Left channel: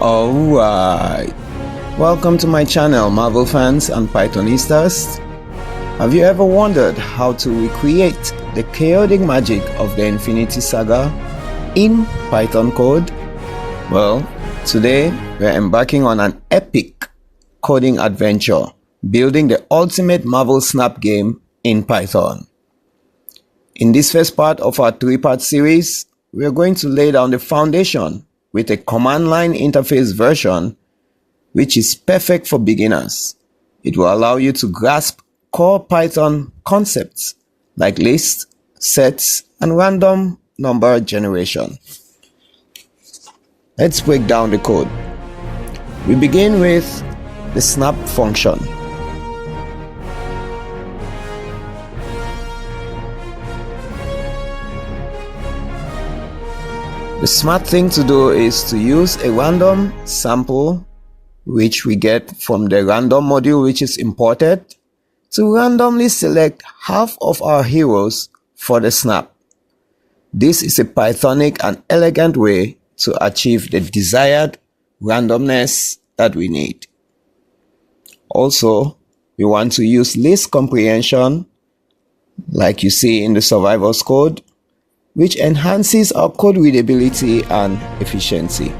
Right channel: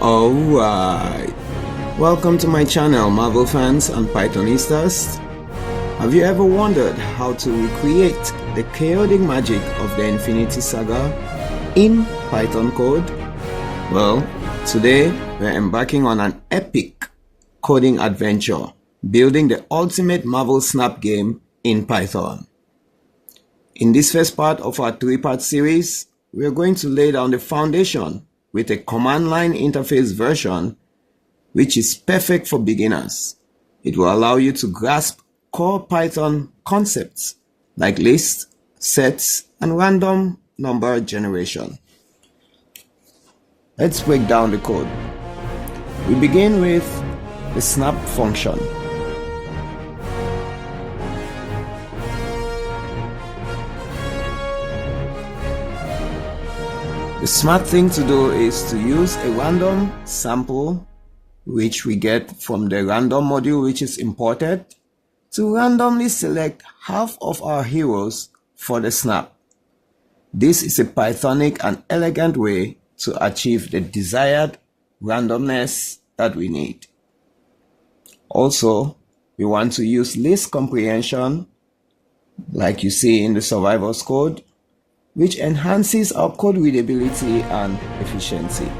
Alright, welcome to my channel, Marvel fans and Pythonistas. Have you ever wondered how to recreate the chaotic magic of the Infinity Saga in Python code? Well, today we're embarking on an epic coding adventure, building the ultimate Marvel Snap game in Python. In this first part of our three-part series, we're going to lay down the foundation with a command line interface version which is perfect for beginners. It will allow you to grasp core Python concepts like lists, sets, and random number generation. Let's break down the code. We begin with the snap function. The smart thing to do is to use a random sample which we get from the random module which is imported to randomly select half of our heroes for the snap. This is a Pythonic and elegant way to achieve the desired randomness that we need. Also, we want to use list comprehension like you see in the survivor's code, which enhances our code readability and efficiency.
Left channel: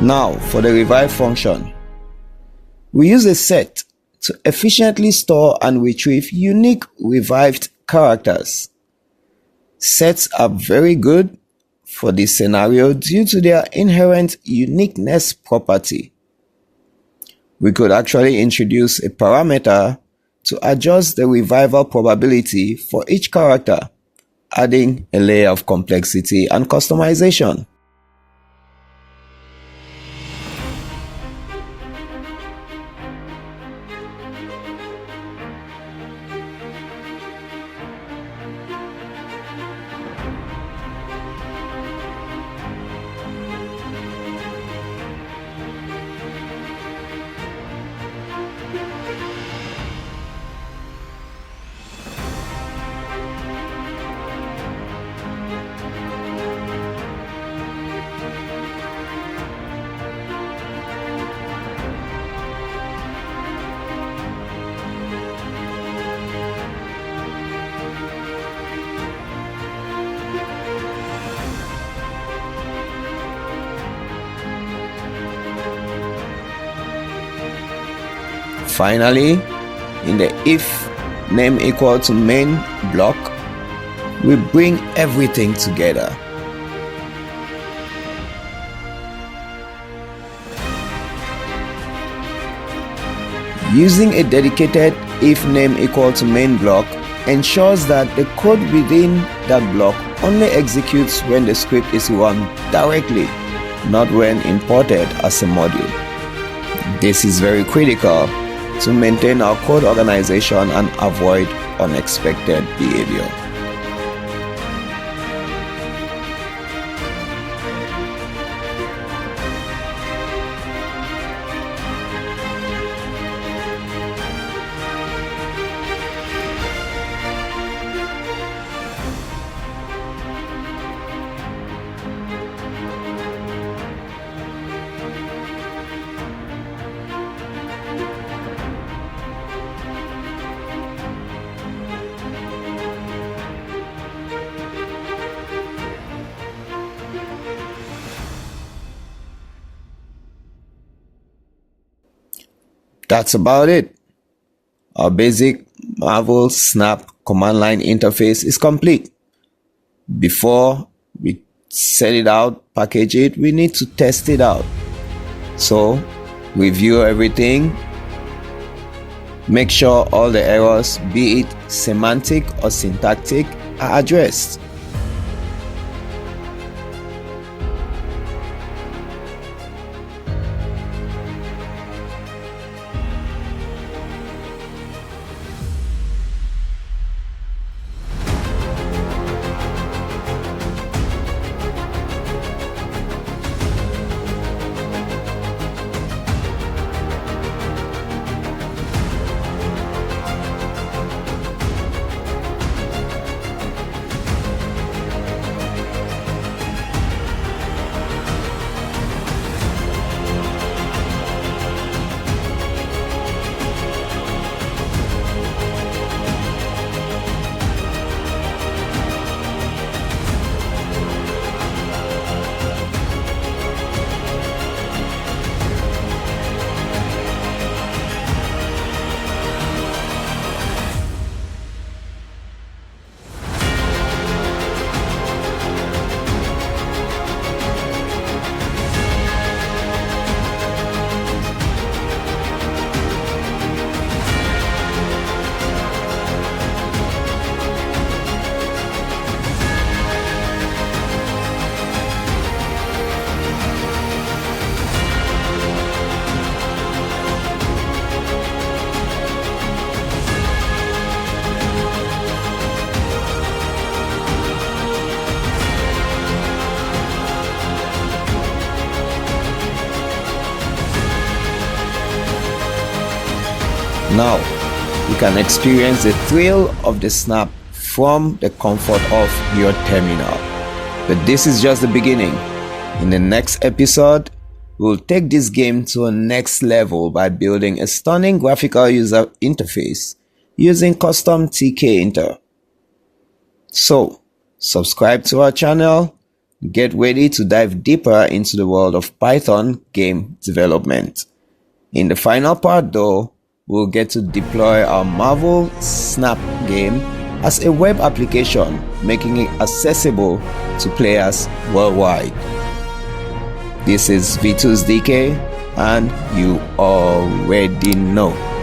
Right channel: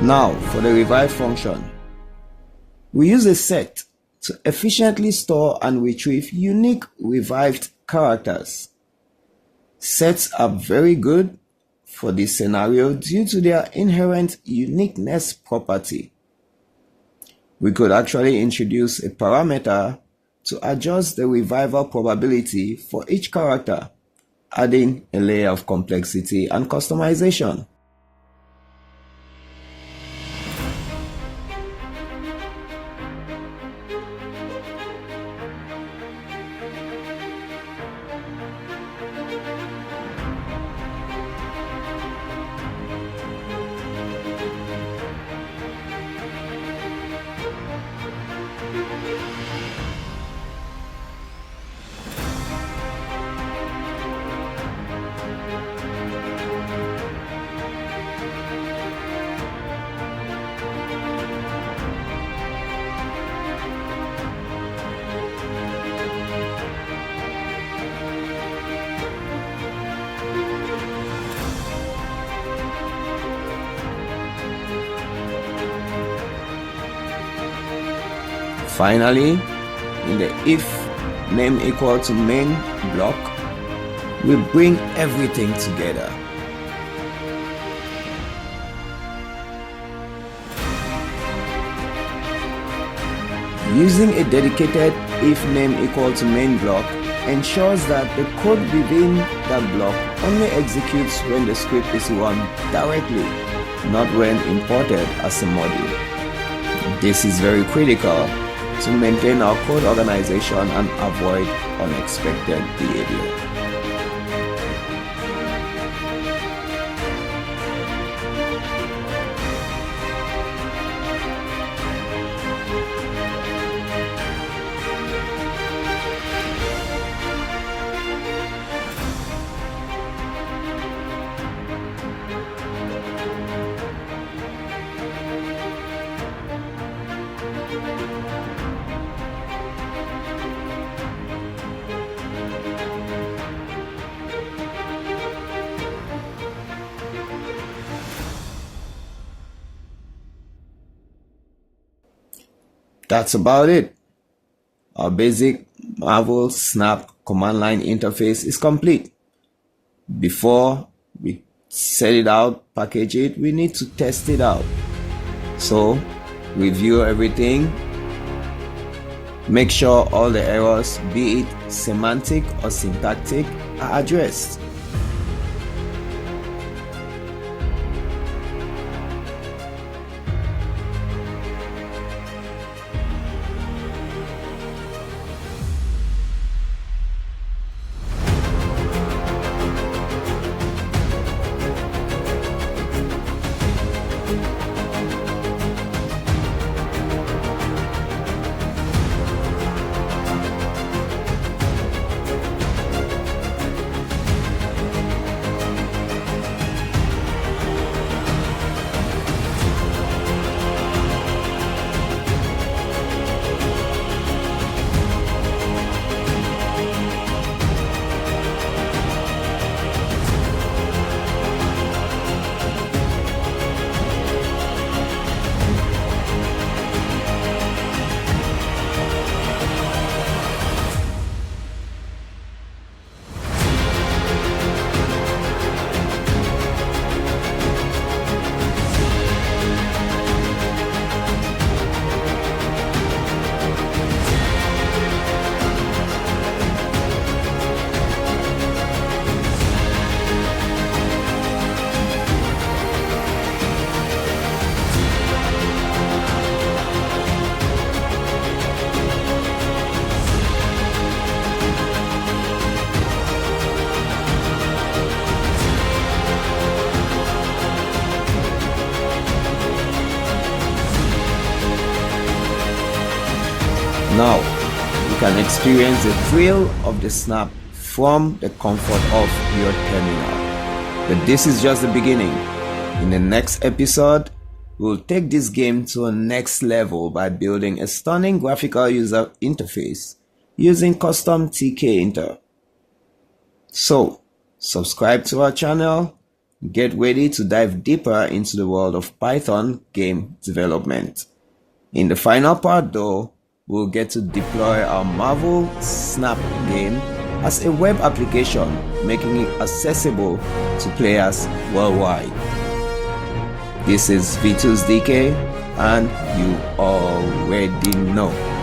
Now for the revive function. We use a set to efficiently store and retrieve unique revived characters. Sets are very good for this scenario due to their inherent uniqueness property. We could actually introduce a parameter to adjust the revival probability for each character, adding a layer of complexity and customization. Finally, in the if name equal to main block, we bring everything together. Using a dedicated if name equal to main block ensures that the code within that block only executes when the script is run directly, not when imported as a module. This is very critical to maintain our code organization and avoid unexpected behavior. That's about it. Our basic Marvel Snap command line interface is complete. Before we set it out, package it, we need to test it out. So, review everything. Make sure all the errors, be it semantic or syntactic, are addressed. Now, you can experience the thrill of the snap from the comfort of your terminal. But this is just the beginning. In the next episode, we'll take this game to a next level by building a stunning graphical user interface using custom TK Inter. So, subscribe to our channel, get ready to dive deeper into the world of Python game development. In the final part though, we'll get to deploy our Marvel Snap game as a web application, making it accessible to players worldwide. This is V2's DK, and you already know.